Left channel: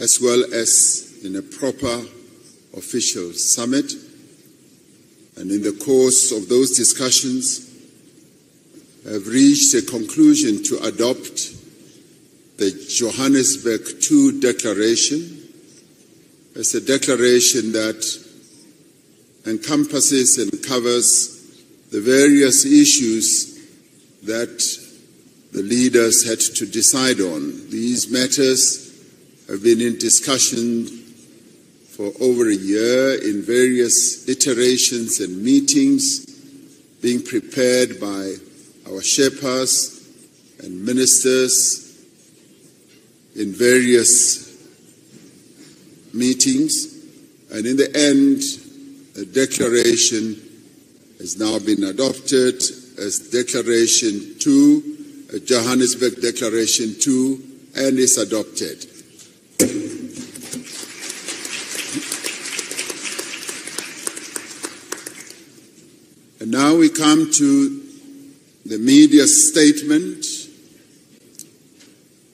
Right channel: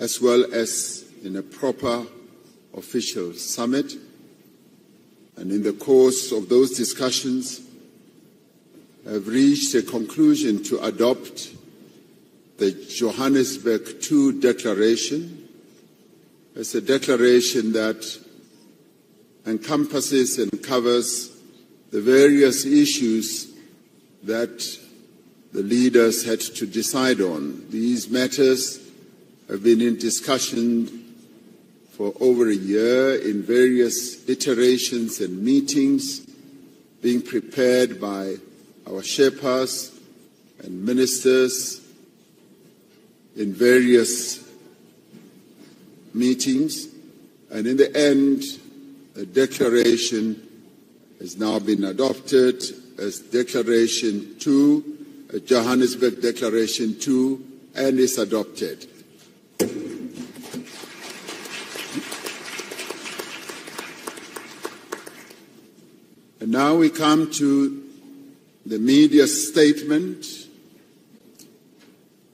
as well as in a proper official summit. And in the course of those discussions, have reached a conclusion to adopt the Johannesburg II Declaration as a declaration that encompasses and covers the various issues that the leaders had to decide on. These matters have been in discussion for over a year in various iterations and meetings, being prepared by our Sherpas and ministers in various meetings. And in the end, the declaration has now been adopted as Declaration 2, Johannesburg Declaration 2, and is adopted. And now we come to the media statement,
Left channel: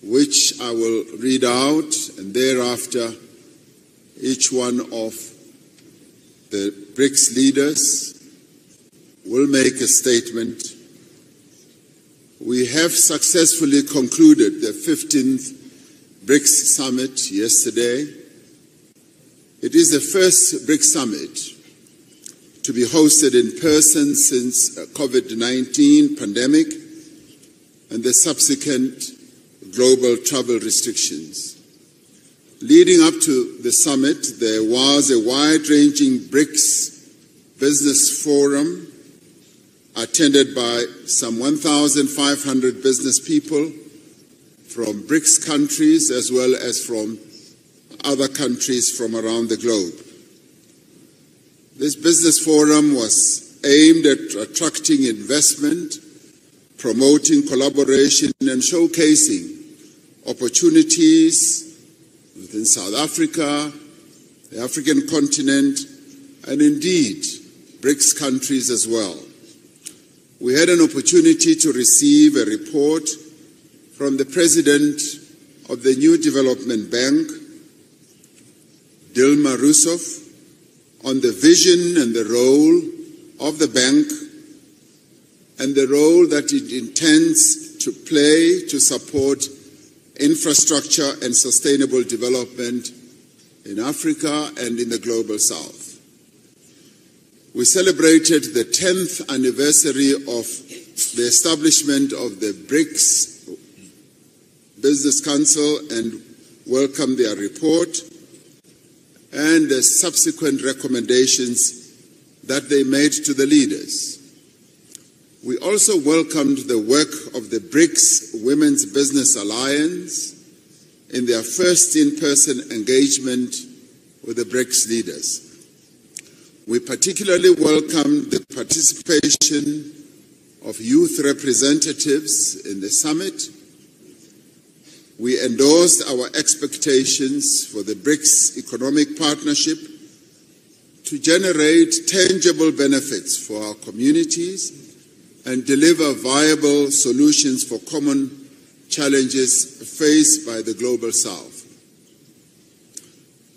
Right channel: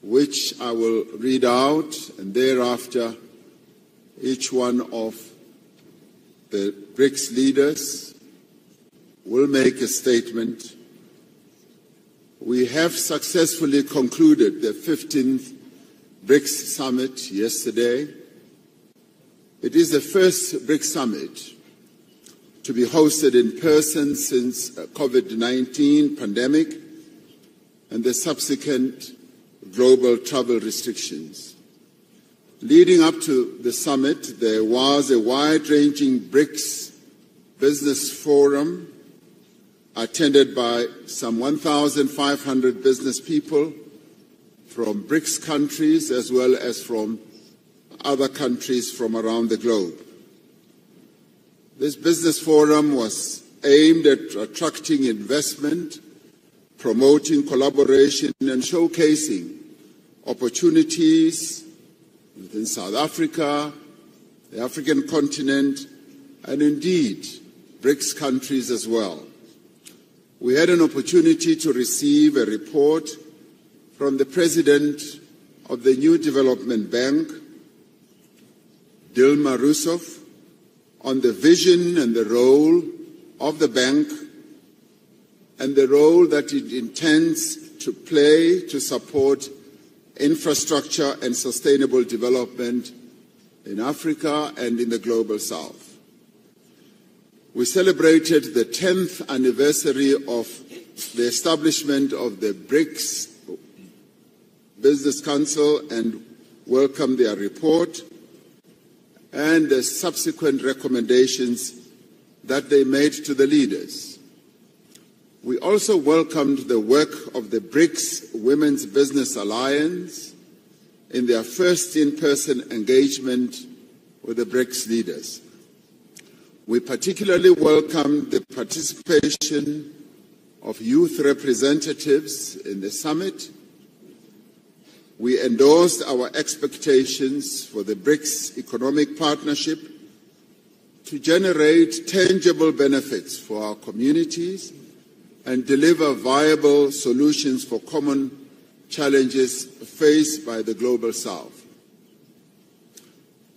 which I will read out, and thereafter each one of the Brics leaders will make a statement. We have successfully concluded the 15th Brics Summit yesterday. It is the first Brics Summit to be hosted in person since COVID-19 pandemic and the subsequent global travel restrictions. Leading up to the summit, there was a wide-ranging Brics business forum attended by some 1,500 business people from Brics countries as well as from other countries from around the globe. This business forum was aimed at attracting investment, promoting collaboration, and showcasing opportunities within South Africa, the African continent, and indeed Brics countries as well. We had an opportunity to receive a report from the President of the New Development Bank, Dilma Rousseff, on the vision and the role of the bank and the role that it intends to play to support infrastructure and sustainable development in Africa and in the Global South. We celebrated the 10th anniversary of the establishment of the Brics Business Council and welcomed their report and the subsequent recommendations that they made to the leaders. We also welcomed the work of the Brics Women's Business Alliance in their first in-person engagement with the Brics leaders. We particularly welcomed the participation of youth representatives in the summit. We endorsed our expectations for the Brics Economic Partnership to generate tangible benefits for our communities and deliver viable solutions for common challenges faced by the Global South.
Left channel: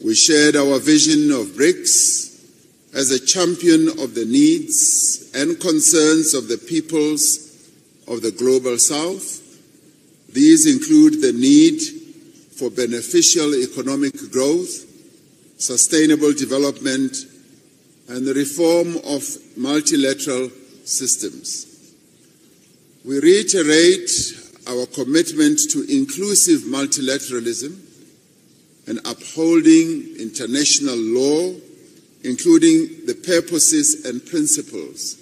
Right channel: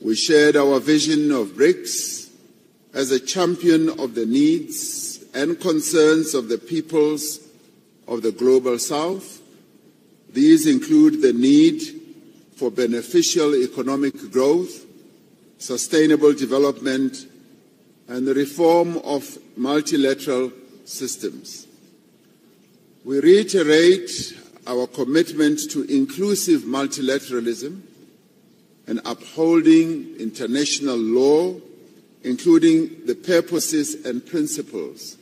We shared our vision of Brics as a champion of the needs and concerns of the peoples of the Global South. These include the need for beneficial economic growth, sustainable development, and the reform of multilateral systems. We reiterate our commitment to inclusive multilateralism and upholding international law, including the purposes and principles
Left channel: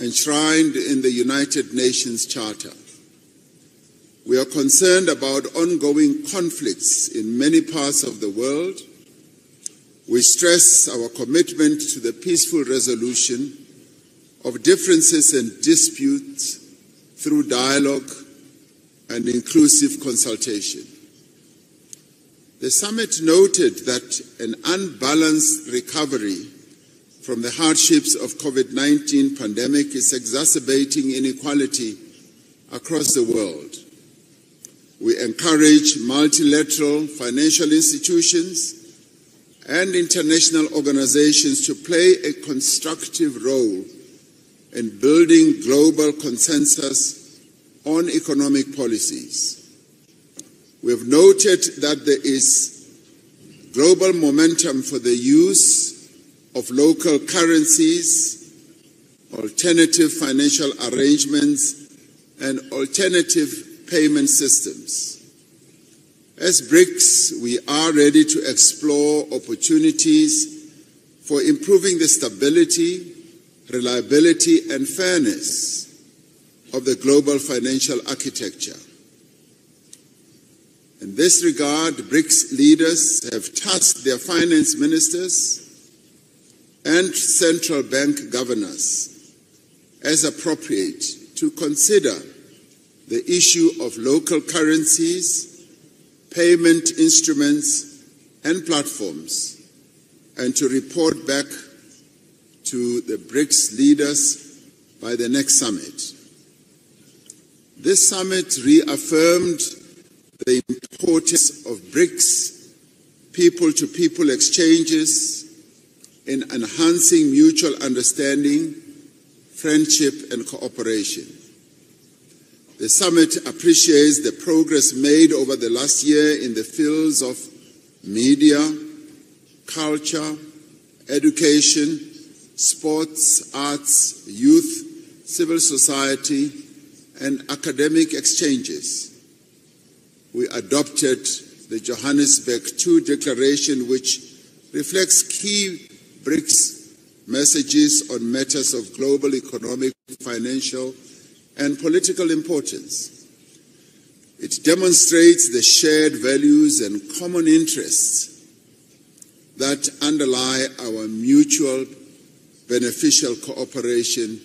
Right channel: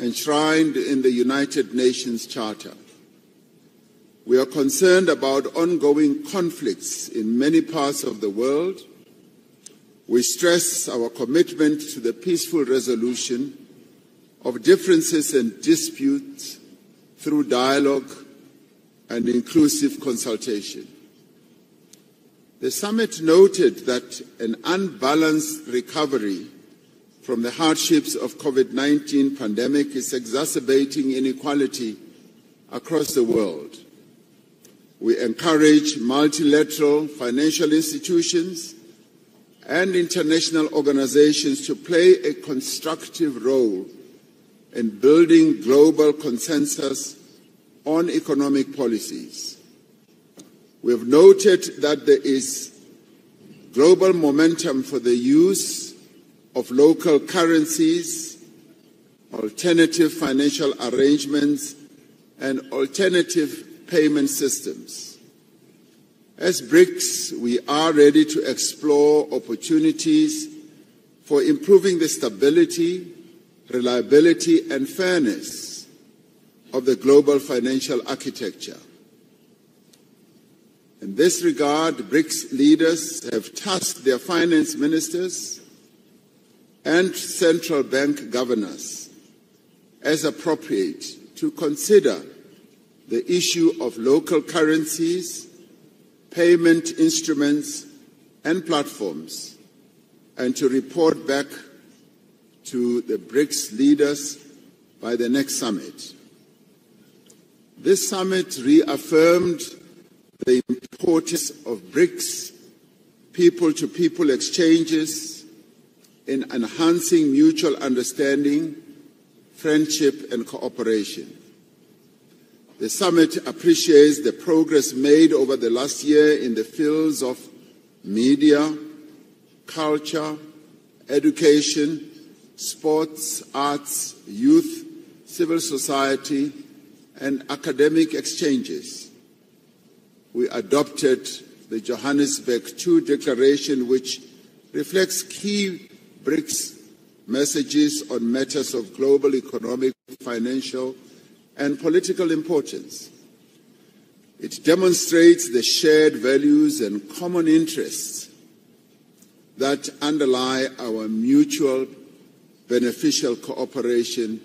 enshrined in the United Nations Charter. We are concerned about ongoing conflicts in many parts of the world. We stress our commitment to the peaceful resolution of differences and disputes through dialogue and inclusive consultation. The summit noted that an unbalanced recovery from the hardships of COVID-19 pandemic is exacerbating inequality across the world. We encourage multilateral financial institutions and international organizations to play a constructive role in building global consensus on economic policies. We have noted that there is global momentum for the use of local currencies, alternative financial arrangements, and alternative payment systems. As Brics, we are ready to explore opportunities for improving the stability, reliability, and fairness of the global financial architecture. In this regard, Brics leaders have tasked their finance ministers and central bank governors, as appropriate, to consider the issue of local currencies, payment instruments, and platforms, and to report back to the Brics leaders by the next summit. This summit reaffirmed the importance of Brics people-to-people exchanges in enhancing mutual understanding, friendship, and cooperation. The summit appreciates the progress made over the last year in the fields of media, culture, education, sports, arts, youth, civil society, and academic exchanges. We adopted the Johannesburg II Declaration, which reflects key Brics messages on matters of global economic, financial, and political importance. It demonstrates the shared values and common interests that underlie our mutual beneficial cooperation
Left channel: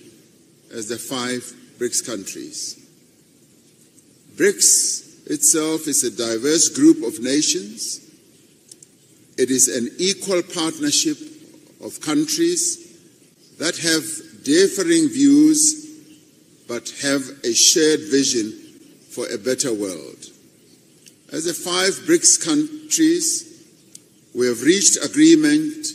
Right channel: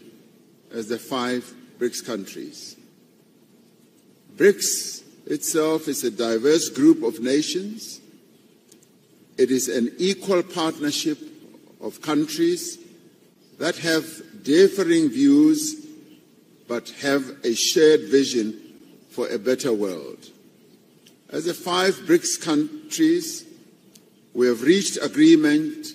as the 5 Brics countries. Brics itself is a diverse group of nations. It is an equal partnership of countries that have differing views but have a shared vision for a better world. As the 5 Brics countries, we have reached agreement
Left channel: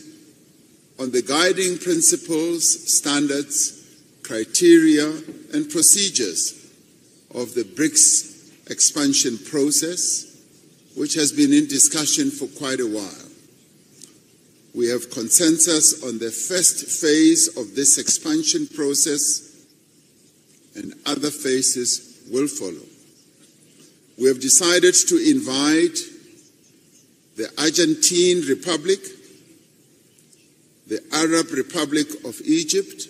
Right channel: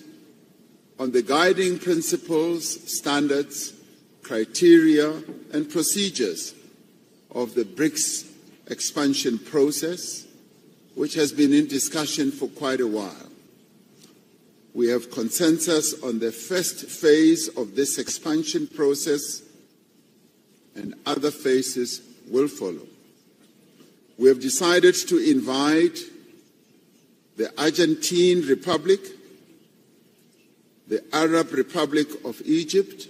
on the guiding principles, standards, criteria, and procedures of the Brics expansion process, which has been in discussion for quite a while. We have consensus on the first phase of this expansion process, and other phases will follow. We have decided to invite the Argentine Republic, the Arab Republic of Egypt,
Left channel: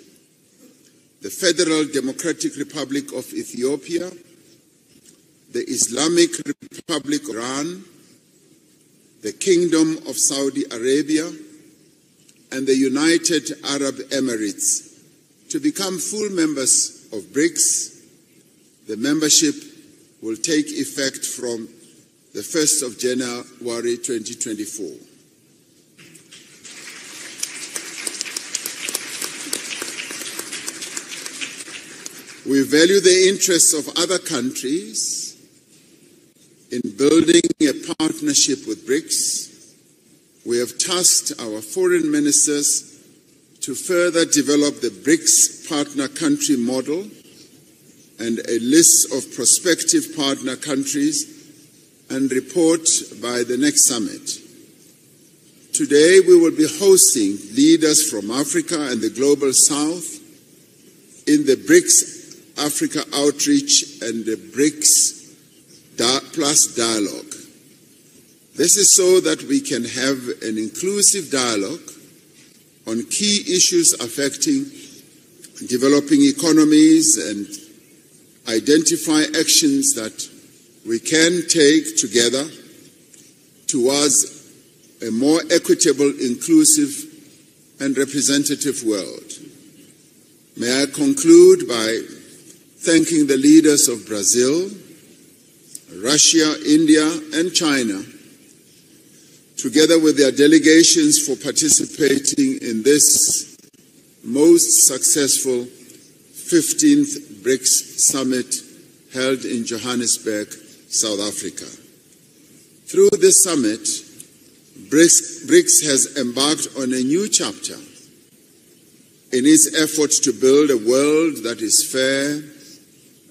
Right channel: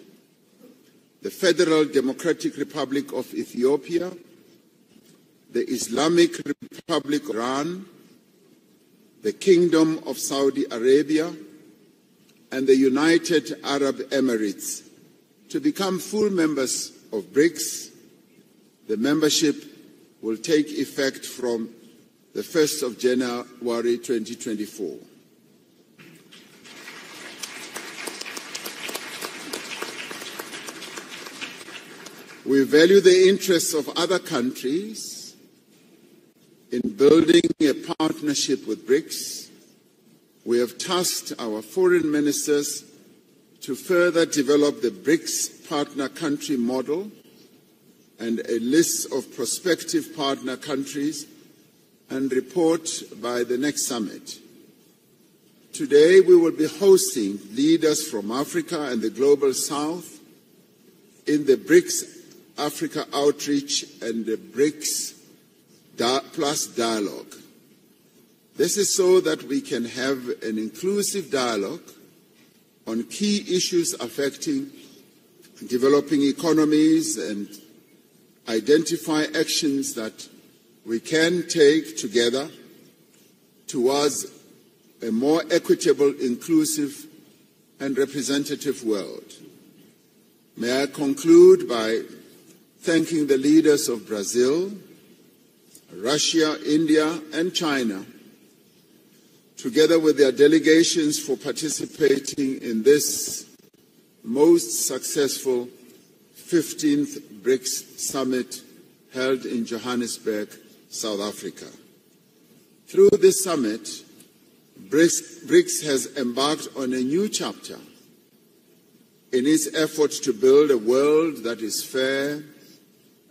the Federal Democratic Republic of Ethiopia, the Islamic Republic of Iran, the Kingdom of Saudi Arabia, and the United Arab Emirates to become full members of Brics. The membership will take effect from the 1st of January 2024. We value the interests of other countries in building a partnership with Brics. We have tasked our foreign ministers to further develop the Brics partner country model and a list of prospective partner countries and report by the next summit. Today we will be hosting leaders from Africa and the Global South in the Brics Africa Outreach and the Brics Plus Dialogue. This is so that we can have an inclusive dialogue on key issues affecting developing economies and identify actions that we can take together towards a more equitable, inclusive, and representative world. May I conclude by thanking the leaders of Brazil, Russia, India, and China, together with their delegations, for participating in this most successful 15th Brics Summit held in Johannesburg South Africa. Through this summit, Brics has embarked on a new chapter in its efforts to build a world that is fair,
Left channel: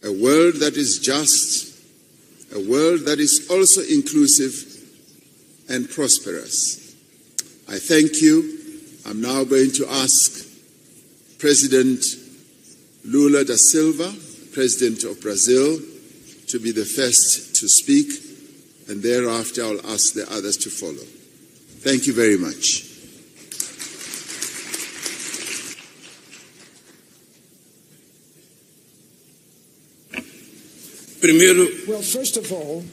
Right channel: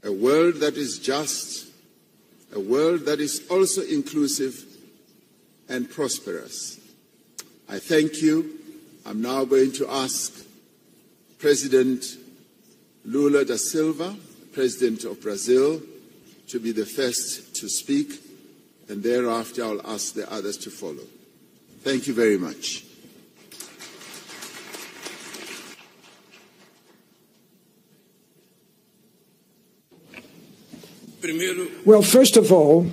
a world that is just, a world that is also inclusive and prosperous. I thank you. I'm now going to ask President Lula da Silva, President of Brazil, to be the first to speak, and thereafter I'll ask the others to follow. Thank you very much. Well, first of all,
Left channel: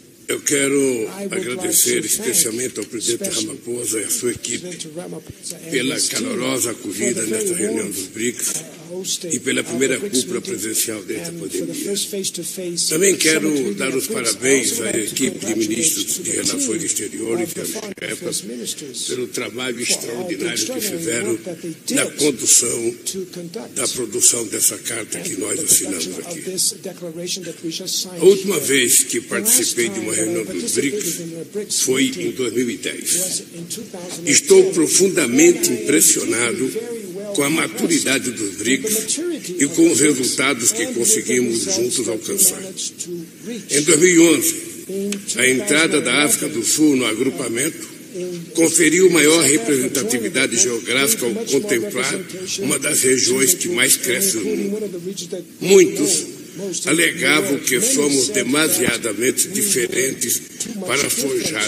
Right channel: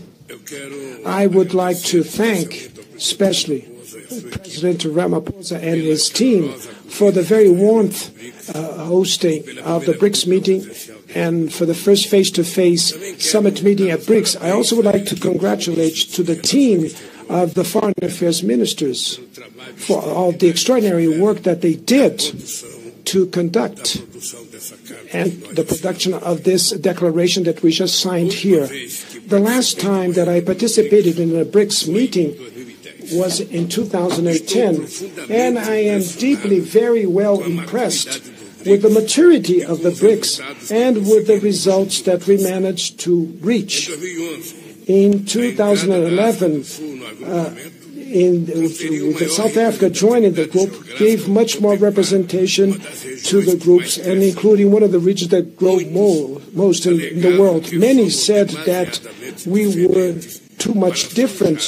I would like to thank especially President Ramaphosa and his team for the very warm hosting of the BRICS meeting and for the first face-to-face summit meeting at BRICS. I also would like to congratulate to the team of the foreign affairs ministers for all the extraordinary work that they did to conduct and the production of this declaration that we just signed here. The last time that I participated in the BRICS meeting was in 2010, and I am deeply, very well impressed with the maturity of the BRICS and with the results that we managed to reach. In 2011, South Africa joining the group gave much more representation to the groups, and including one of the regions that grow most in the world. Many said that we were too much different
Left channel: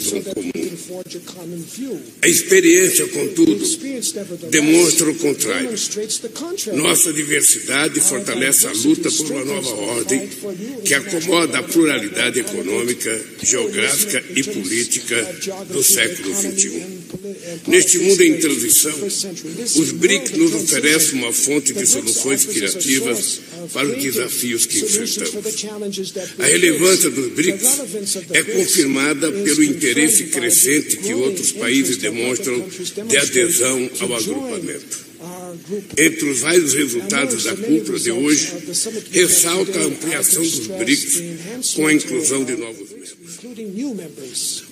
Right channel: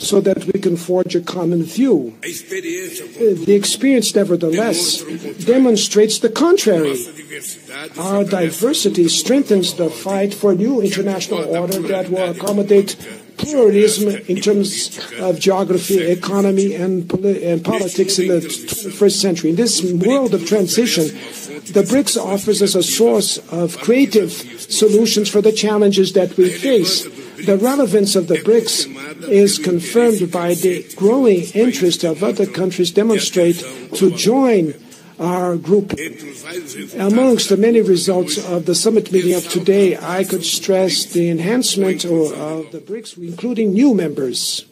so that we can forge a common view. The experience, nevertheless, demonstrates the contrary. Our diversity strengthens the fight for a new international order that will accommodate pluralism in terms of geography, economy, and politics in the 21st century. In this world of transition, the BRICS offers us a source of creative solutions for the challenges that we face. The relevance of the BRICS is confirmed by the growing interest of other countries demonstrate to join our group. Amongst the many results of the summit meeting of today, I could stress the enhancement of the BRICS, including new members.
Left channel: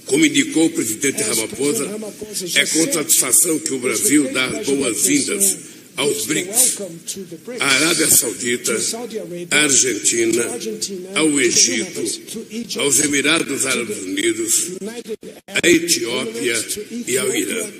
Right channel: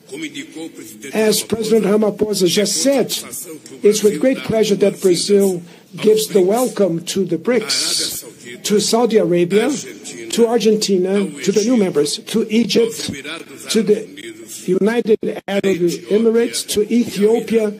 As President Ramaphosa just said, it's with great pleasure that Brazil gives the welcome to the BRICS, to Saudi Arabia, to Argentina, to the new members, to Egypt, to the United Arab Emirates, to Ethiopia,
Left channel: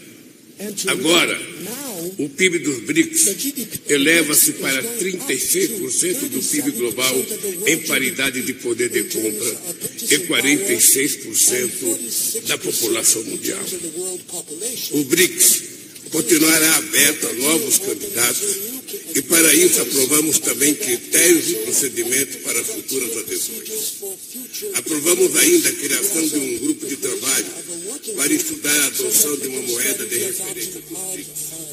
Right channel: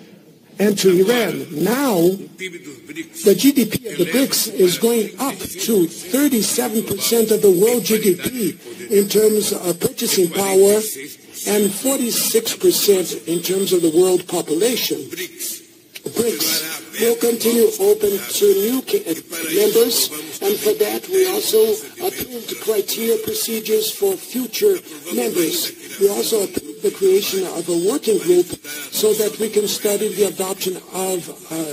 and to Iran. Now, the GDP of the BRICS is going up to 37% of the world GDP in terms of purchasing power and 46% in terms of the world population. BRICS will continue open to new members, and for that we also approve the criteria procedures for future members. We also approve the creation of a working group so that we can study the adoption of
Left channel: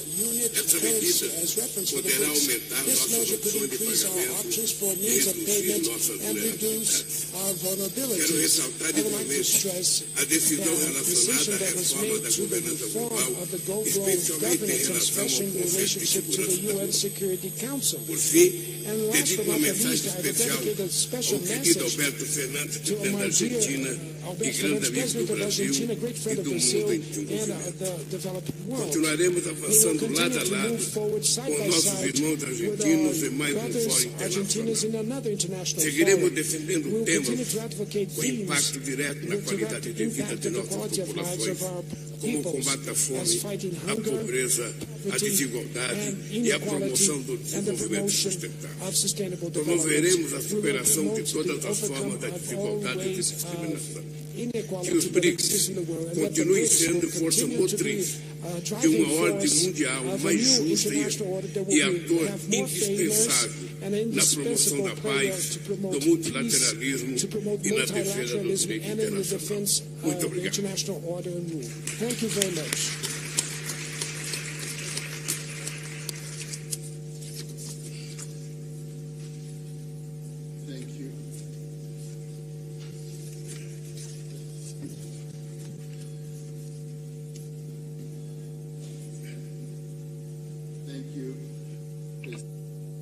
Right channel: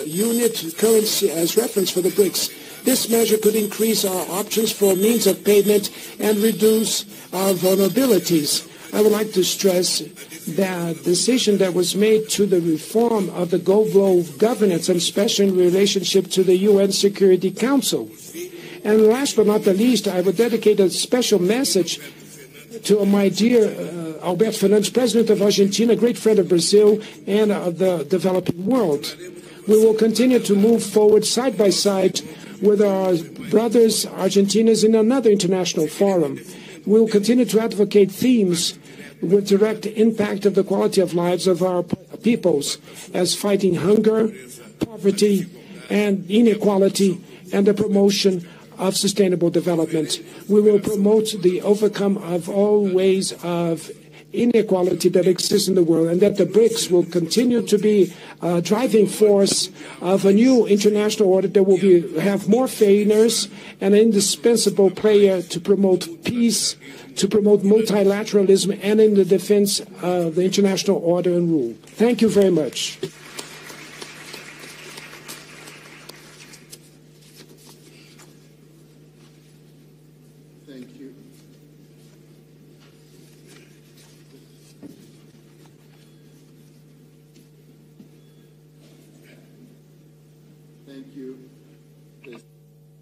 unit currency as reference for the BRICS. This measure could increase our options for means of payment and reduce our vulnerabilities. I would like to stress the decision that was made to the reform of the global governance, and especially in relationship to the UN Security Council. And last but not the least, I would dedicate a special message to my dear Alberto Fernandes, President of Argentina, great friend of Brazil and of the developing world. We will continue to move forward side by side with our brothers Argentinians in another international forum. We will continue to advocate themes with direct impact of the quality of lives of our peoples, as fighting hunger, poverty, and inequality, and the promotion of sustainable development. We will promote the overcome of all ways of inequality that exists in the world, and that the BRICS will continue to be a driving force of a new international order that will have more fairness and an indispensable player to promote peace, to promote multilateralism, and in the defense of the international order and rule. Thank you very much.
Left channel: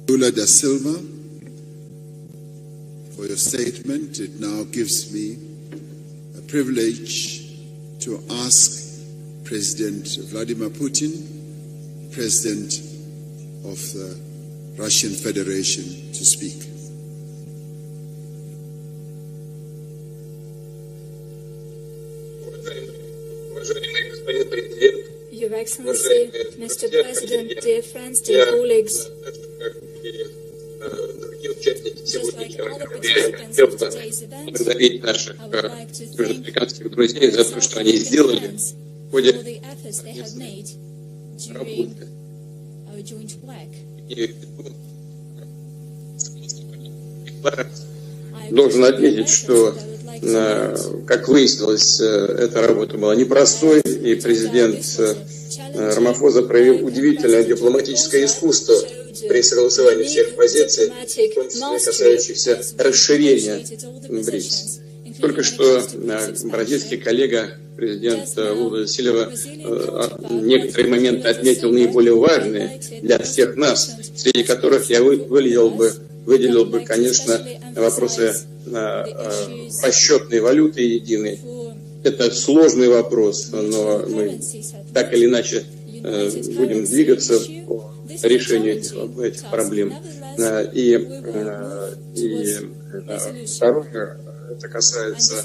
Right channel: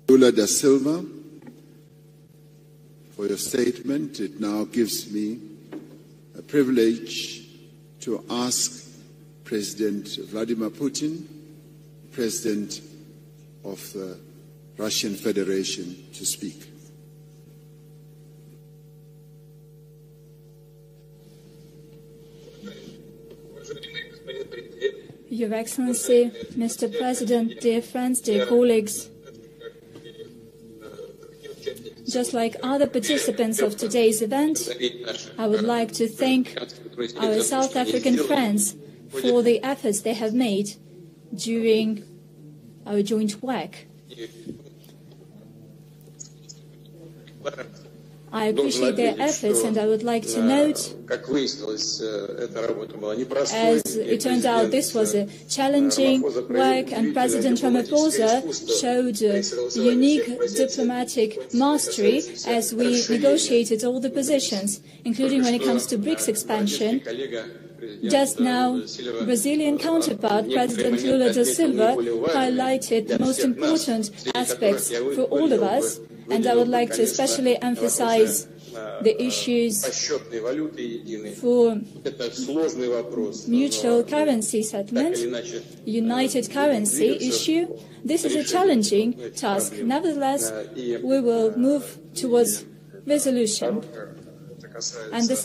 Lula da Silva, for your statement, it now gives me a privilege to ask President Vladimir Putin, President of the Russian Federation, to speak. Your Excellency, Mr. President, dear friends, dear colleagues, just like other participants of today's event, I would like to thank our South African friends for the efforts they have made during our joint work. I appreciate their efforts, and I would like to note, как выяснилось, эта работа была непростой, и президент Рамафоза проявил удивительное дипломатическое искусство при согласовании всех позиций, касающихся расширения BRICS. Только что бразильский коллега президента Сильва в некоторые моменты отметил наиболее важные для всех нас, среди которых я выделил бы, конечно, вопросы расчетной валюты единой. Это сложный вопрос, но так или иначе будем двигаться по решению этих проблем. И второе, это касается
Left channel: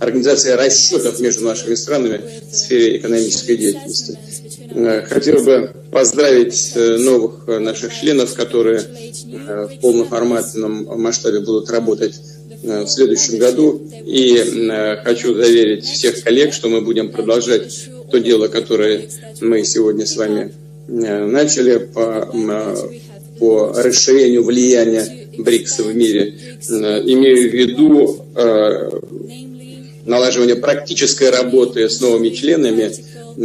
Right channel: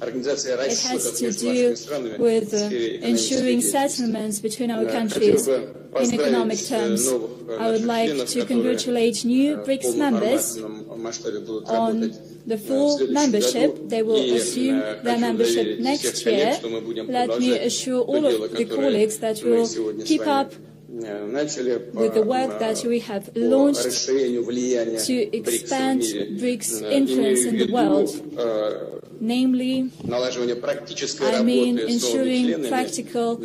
организация расчетов между нашими странами в сфере экономической деятельности. Хотел бы поздравить новых наших членов, которые в полноформатном масштабе будут работать в следующем году. И хочу заверить всех коллег, что мы будем продолжать то дело, которое мы сегодня с вами начали по расширению влияния БРИКС в мире. Имею в виду налаживание практической работы с новыми членами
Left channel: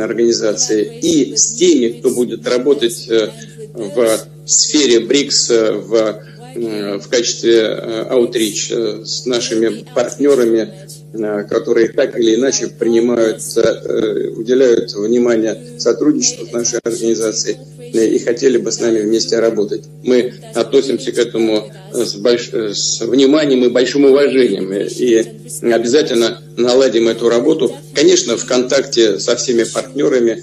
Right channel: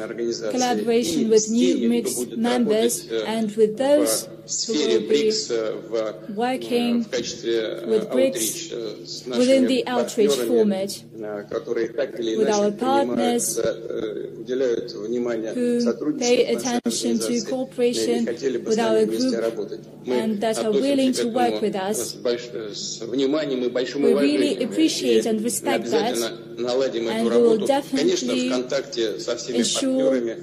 организации и с теми, кто будет работать в сфере БРИКС в качестве аутрич с нашими партнерами, которые так или иначе уделяют внимание сотрудничеству с нашей организацией и хотели бы с нами вместе работать. Мы относимся к этому с вниманием и большим уважением и обязательно наладим эту работу. Конечно, в контакте со всеми партнерами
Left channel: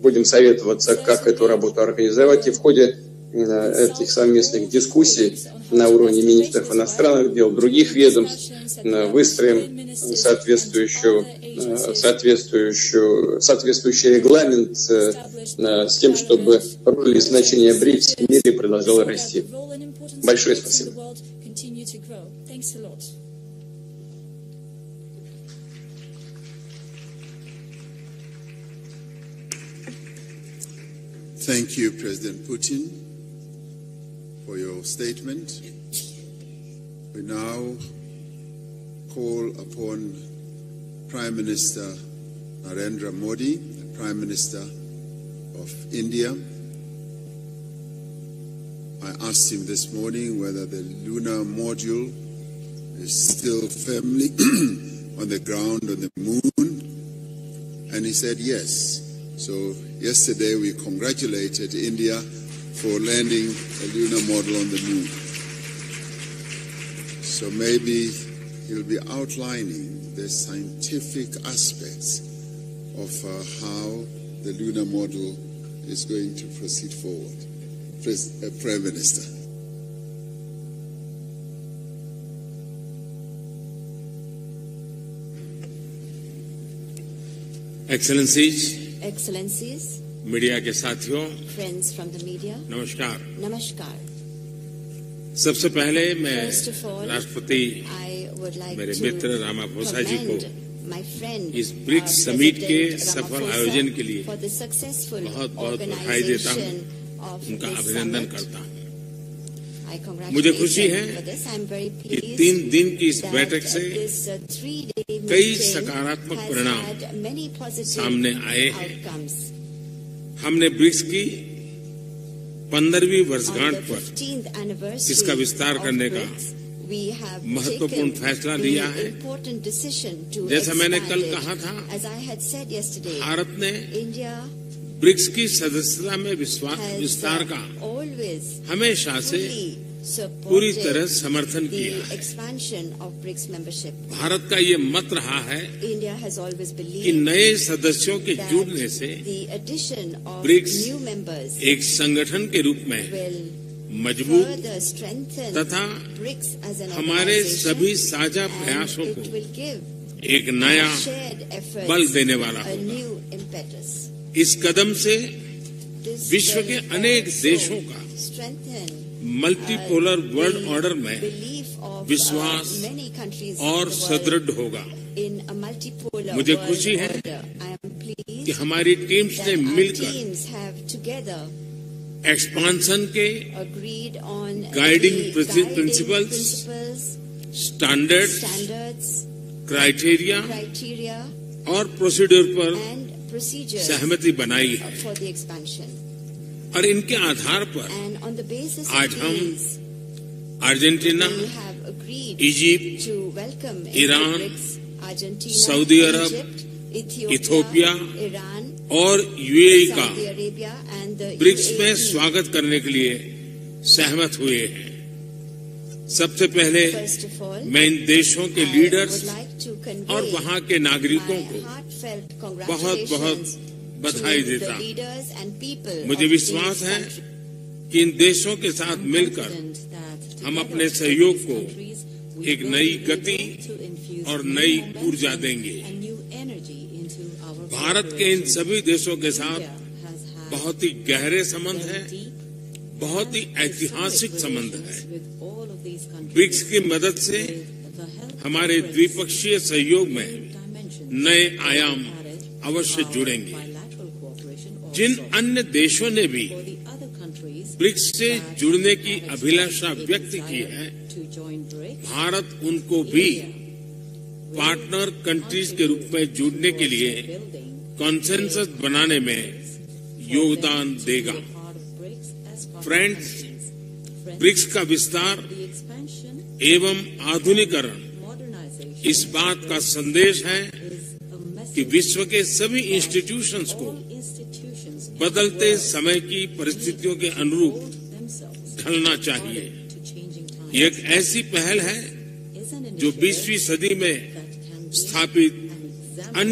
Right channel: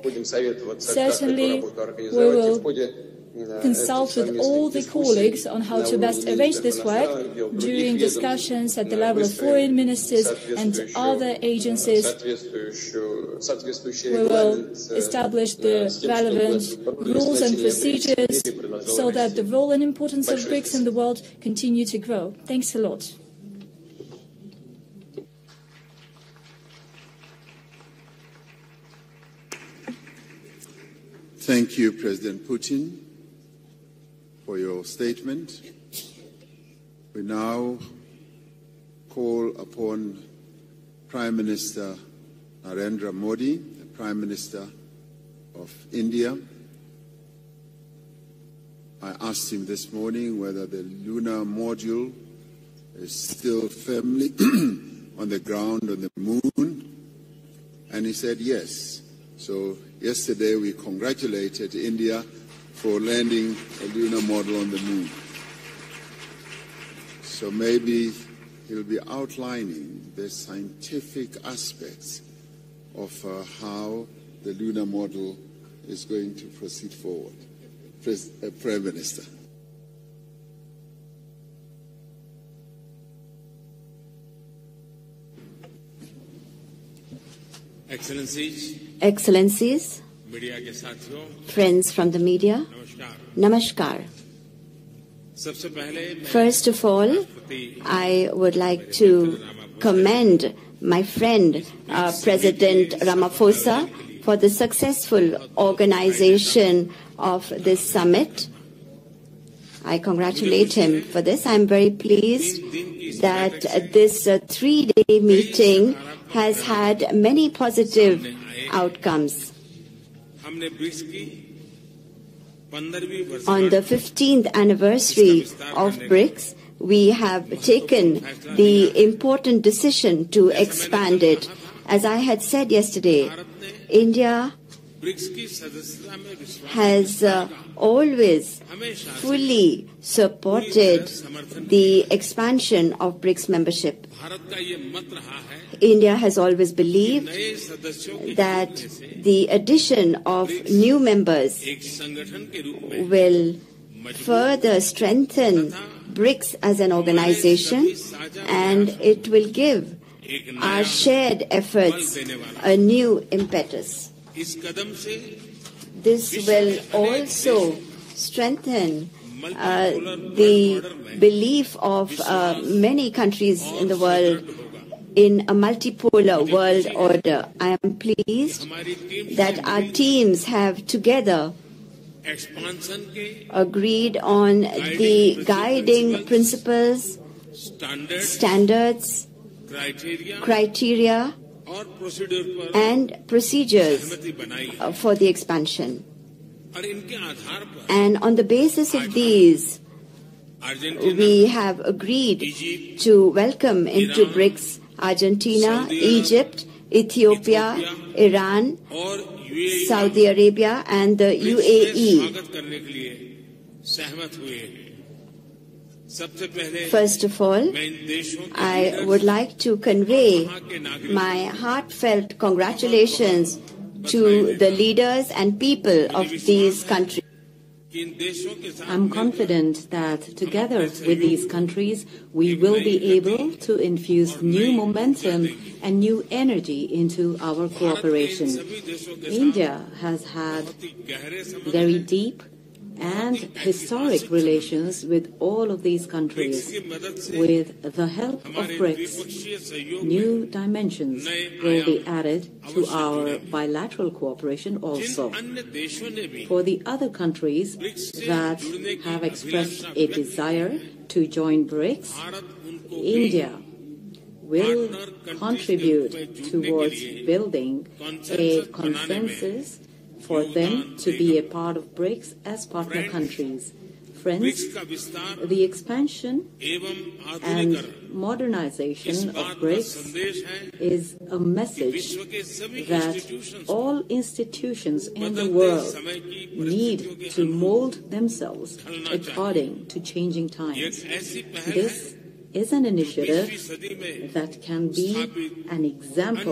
будем советоваться, как эту работу организовать, и в ходе этих совместных дискуссий на уровне министров иностранных дел, других ведомств выстроим соответствующий регламент с тем, чтобы роль и значение БРИКС в мире продолжала расти. Большое спасибо. Thank you, President Putin, for your statement. We now call upon Prime Minister Narendra Modi, the Prime Minister of India. I asked him this morning whether the lunar module is still firmly on the ground on the moon, and he said yes. So yesterday we congratulated India for landing a lunar module on the moon. So maybe he'll be outlining the scientific aspects of how the lunar module is going to proceed forward. Prime Minister. Excellencies, media के साथियों, friends from the media, Namaskar. सबसे पहले मैं First of all, I would like to commend my friend, President Ramaphosa, for the successful organization of this summit. I congratulate him for this. I am very pleased that this three-day meeting has had many positive outcomes. On the 15th anniversary of BRICS, we have taken the important decision to expand it. As I had said yesterday, India has always fully supported the expansion of BRICS membership. India has always believed that the addition of new members will further strengthen BRICS as an organization, and it will give our shared efforts a new impetus. This will also strengthen the belief of many countries in the world in a multipolar world order. I am pleased that our teams have together agreed on the guiding principles, standards, criteria and procedures for the expansion. And on the basis of these, we have agreed to welcome into BRICS Argentina, Egypt, Ethiopia, Iran, Saudi Arabia and the UAE. First of all, I would like to convey my heartfelt congratulations to the leaders and people of these countries. I'm confident that together with these countries, we will be able to infuse new momentum and new energy into our cooperation. India has had very deep and historic relations with all of these countries. With the help of BRICS, new dimensions will be added to our bilateral cooperation also. For the other countries that have expressed a desire to join BRICS, India will contribute towards building a consensus for them to be a part of BRICS as partner countries. Friends, the expansion and modernization of BRICS is a message that all institutions in the world need to mold themselves according to changing times. This is an initiative that can be an example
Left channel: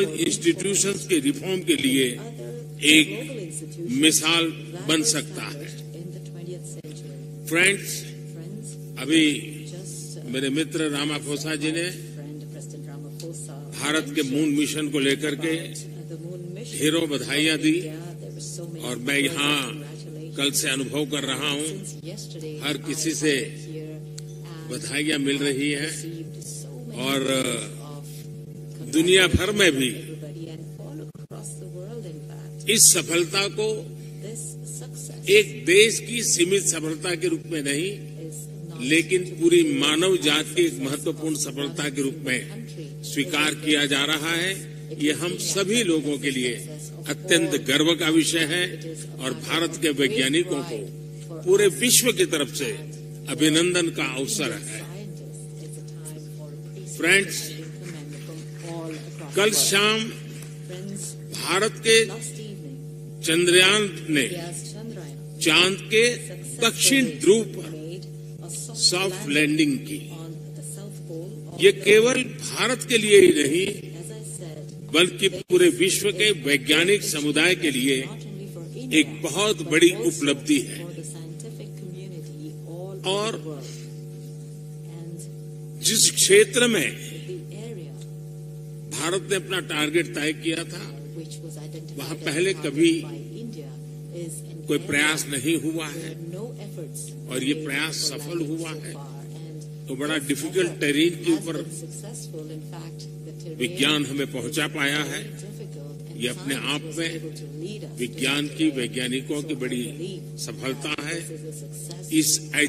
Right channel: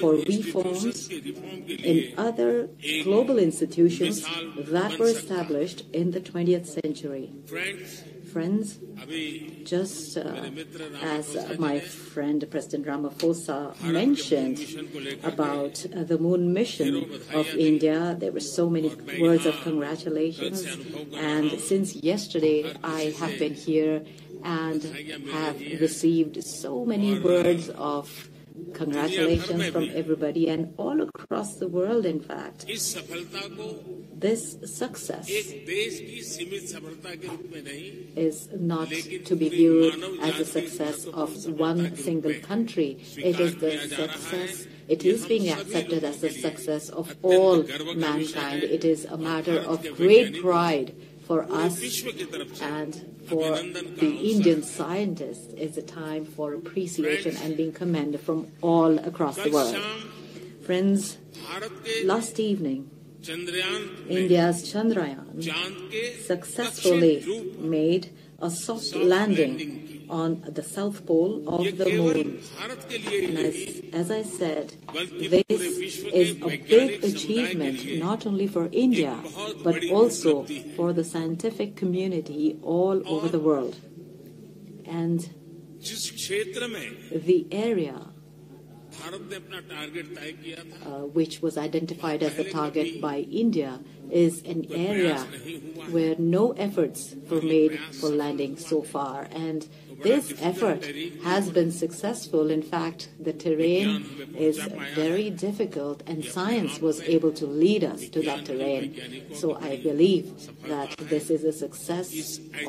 for reforms in other global institutions that were established in the 20th century. Friends, just as my friend President Ramaphosa mentioned about the moon mission of India, there were so many words of congratulations. And since yesterday, I have been here and have received so many words of congratulations from everybody and all across the world, in fact. This success is not to be viewed as the success of one single country. It is their success. It is being accepted as the success of all mankind. It is a matter of great pride for us and for the Indian scientists. It's a time for appreciation and being commended from all across the world. Friends, last evening, India's Chandrayaan successfully made a soft landing on the South Pole of the moon. As I said, this is a big achievement not only for India, but also for the scientific community all over the world. And the area which was identified as a target by India is an area where no efforts were made for landing so far, and this effort has been successful. In fact, the terrain is very difficult, and science was able to lead us to that terrain. So I believe that this is a success of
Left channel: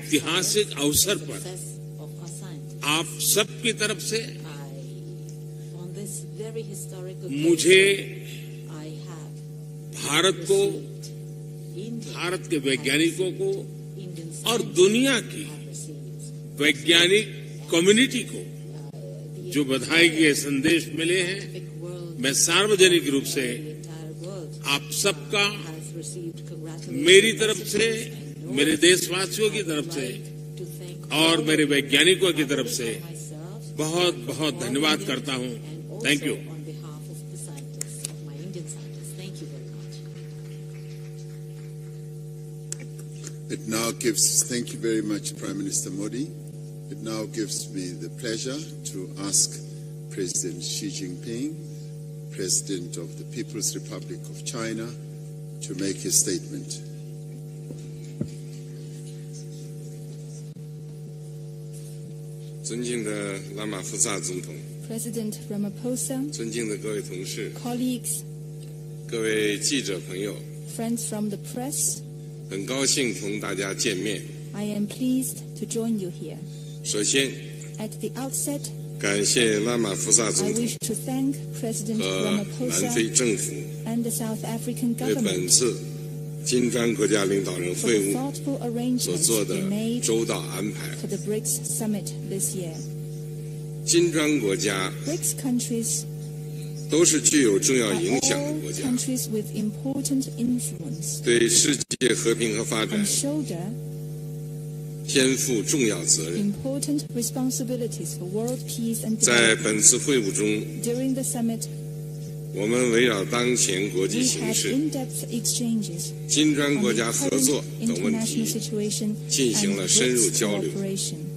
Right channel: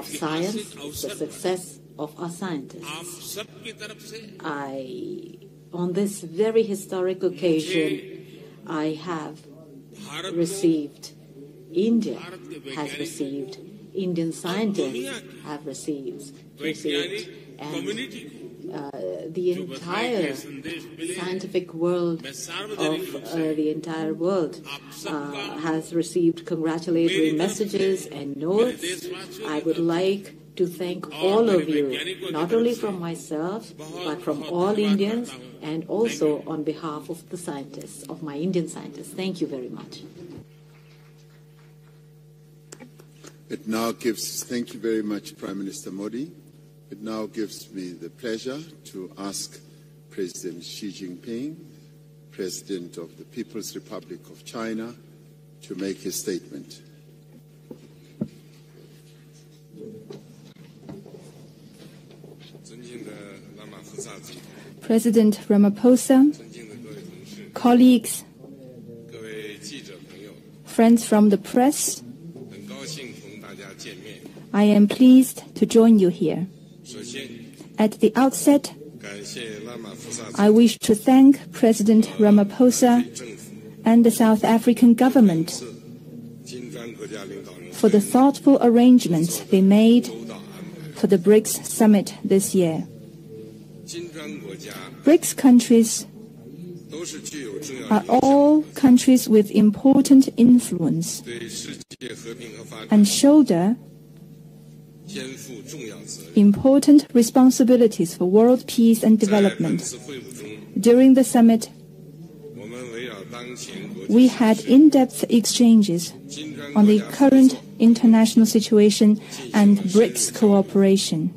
science, a success of our scientists. On this very historic occasion, I have received, India has received, Indian scientists have received the entire scientific world, the entire world has received congratulatory messages and notes. I would like to thank all of you, not only from myself, but from all Indians, and also on behalf of the scientists, of my Indian scientists. Thank you very much. Thank you very much, Prime Minister Modi. It now gives me the pleasure to ask President Xi Jinping, President of the People's Republic of China, to make his statement. President Ramaphosa, colleagues, friends from the press, I am pleased to join you here. At the outset, I wish to thank President Ramaphosa and the South African government for the thoughtful arrangements they made for the Brics summit this year. Brics countries are all countries with important influence and shoulder important responsibilities for world peace and development. During the summit, we had in-depth exchanges on the current international situation and BRICS cooperation,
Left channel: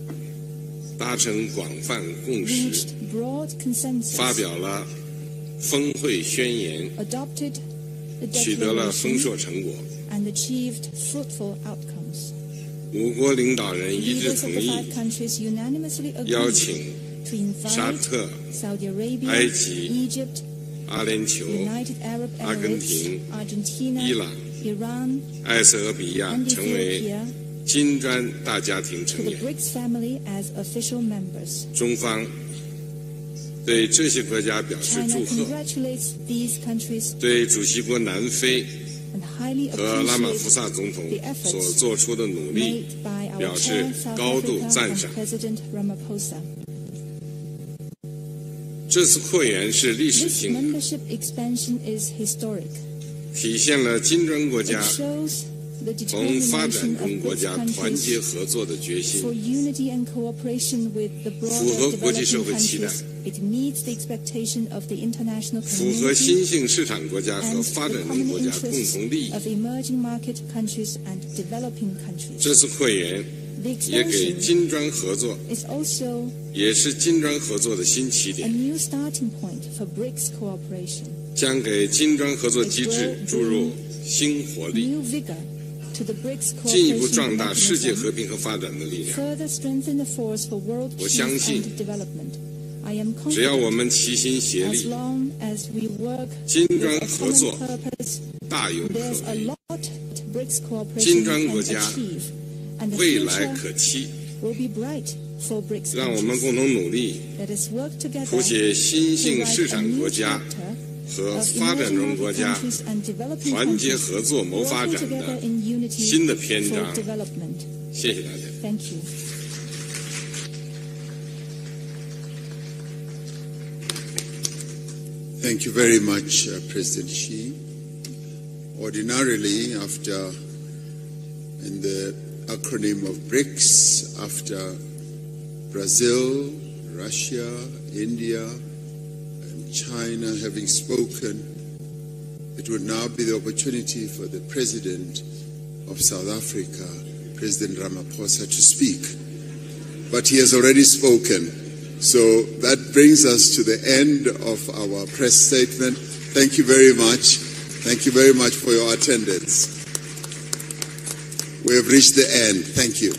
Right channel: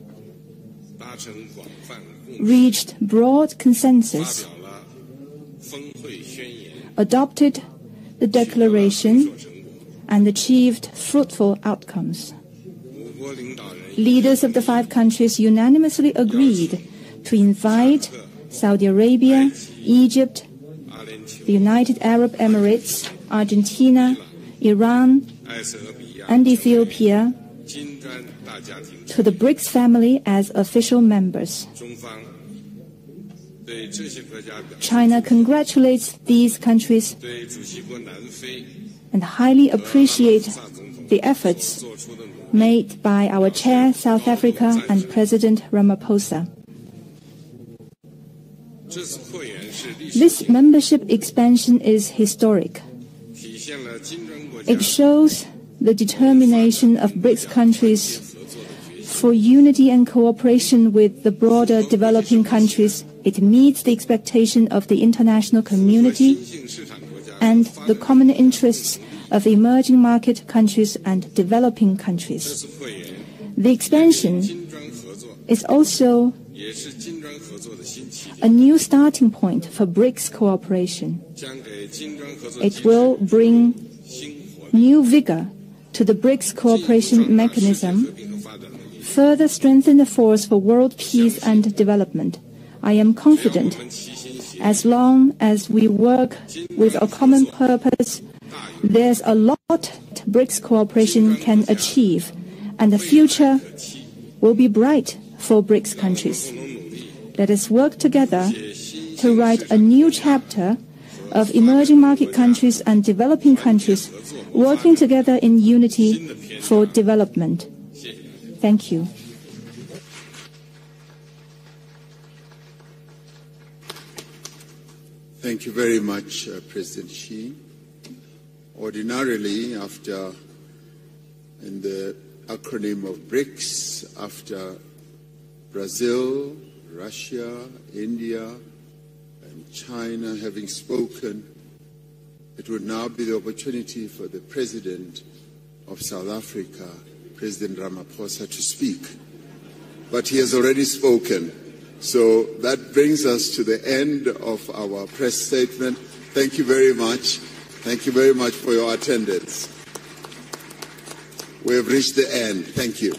reached broad consensus, adopted the declaration, and achieved fruitful outcomes. Leaders of the 5 countries unanimously agreed to invite Saudi Arabia, Egypt, the United Arab Emirates, Argentina, Iran, and Ethiopia to the BRICS family as official members. China congratulates these countries and highly appreciates the efforts made by our chair, South Africa, and President Ramaphosa. This membership expansion is historic. It shows the determination of BRICS countries for unity and cooperation with the broader developing countries. It meets the expectation of the international community and the common interests of emerging market countries and developing countries. The expansion is also a new starting point for BRICS cooperation. It will bring new vigor to the BRICS cooperation mechanism, further strengthen the force for world peace and development. I am confident, as long as we work with a common purpose, there's a lot BRICS cooperation can achieve, and the future will be bright for BRICS countries. Let us work together to write a new chapter of emerging market countries and developing countries working together in unity for development. Thank you. Thank you very much, President Xi. Ordinarily, in the acronym of BRICS, after Brazil, Russia, India, and China having spoken, it would now be the opportunity for the President of South Africa, President Ramaphosa, to speak. But he has already spoken. So that brings us to the end of our press statement. Thank you very much. Thank you very much for your attendance. We have reached the end. Thank you.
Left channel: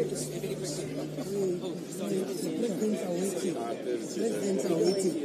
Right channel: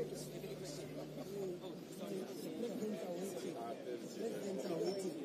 Presidents are waiting.